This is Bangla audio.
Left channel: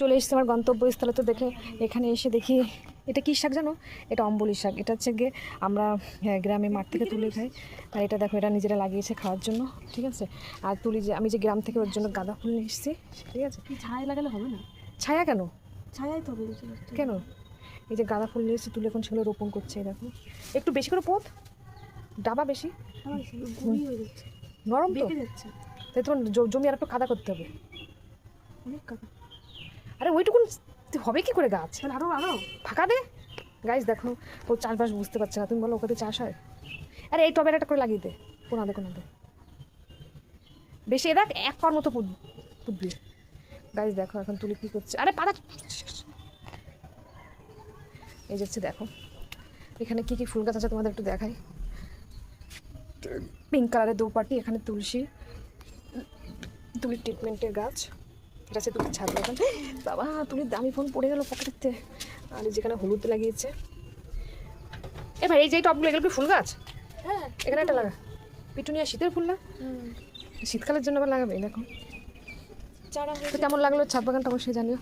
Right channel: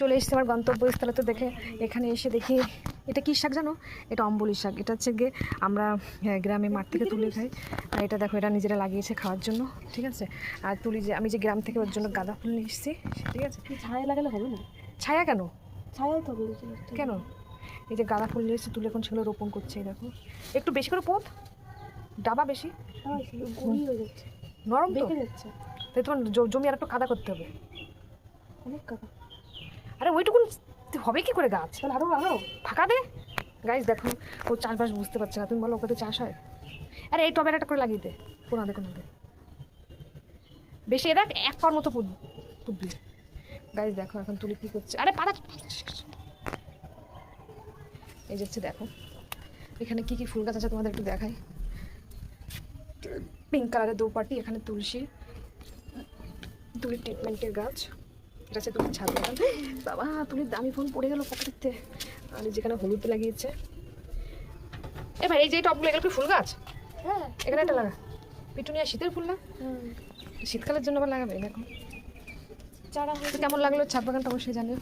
চলে এসেছি আমার গন্তব্যস্থলে। তো দেখে এখানে এসে দেখি এটা কী শাক জানো? এটা অম্বলি শাক। এটা হচ্ছে গিয়ে আমরা গ্রামে মাঠ থেকে তুলে খাই। আর এটা দেখো, এটা নিজেরা লাগিয়েছে খাওয়ার জন্য, ঠিক আছে। আর তুলি যে আমি যে গ্রাম থেকে ওর জন্য গাঁদা ফুল নিয়ে এসেছি, ঠিক আছে। ছায়া লাগালে হবে না? ছায়া কেন? ছায়াই তো হবে। কেন? এই যে গাঁদা ফুল নিয়ে এসেছি, তুলে এখন সেগুলো রোপণ করছে। দেখো একটু বেশি করে পোত, ডাবা বেশি গুঁড়ি হয়ে যাচ্ছে, নরম তো বেঁকে যাচ্ছে। তাই তোমার জমি আর একটু কাদা করতে হবে। অনেক কাকা। আরে ওইটুকুন হবে কি করে গাছ? তাহলে আরো ফাঁকা দে। গাছ দেখো, ও চাষবাস বুঝতে পারছে না। তুমি বলো ওখানে চাষ হয়? আরে এই টবের একটা করে লাগিয়ে দে, কোনাদে কোনাদে বেশি। দেখ এক পার মতো পুতবি। গাছ দেখো এখন তুলি কী করছে। আরে পাড়া, এই যাচ্ছে দেখো এখানে কী কী ফুল গাছ আছে তোমাদের একটু দেখাই। পিঙ্ক কালারের দৌপাটি, এখানে তুলসী, তুলির ট্রিটমেন্টের গাছ। এটা হচ্ছে তুলির ছাদ বাগান। বাবা তুলির দামি ফোন পড়ে গেল পকেটেতে। আর যেখানে হলুদ লাগিয়েছে। এ ভাই এই যে টপগুলো, এগুলো কি ফুল গাছ? হ্যাঁ, এখানে একটা লাগা পিটুনিয়া, শীতের ফুল না? শীতকালের জন্য আবার লাগাবে। দেখো চারা হয়েছে। কেমন লাগলো ছাদ বাগানটা অবশ্যই জানিও।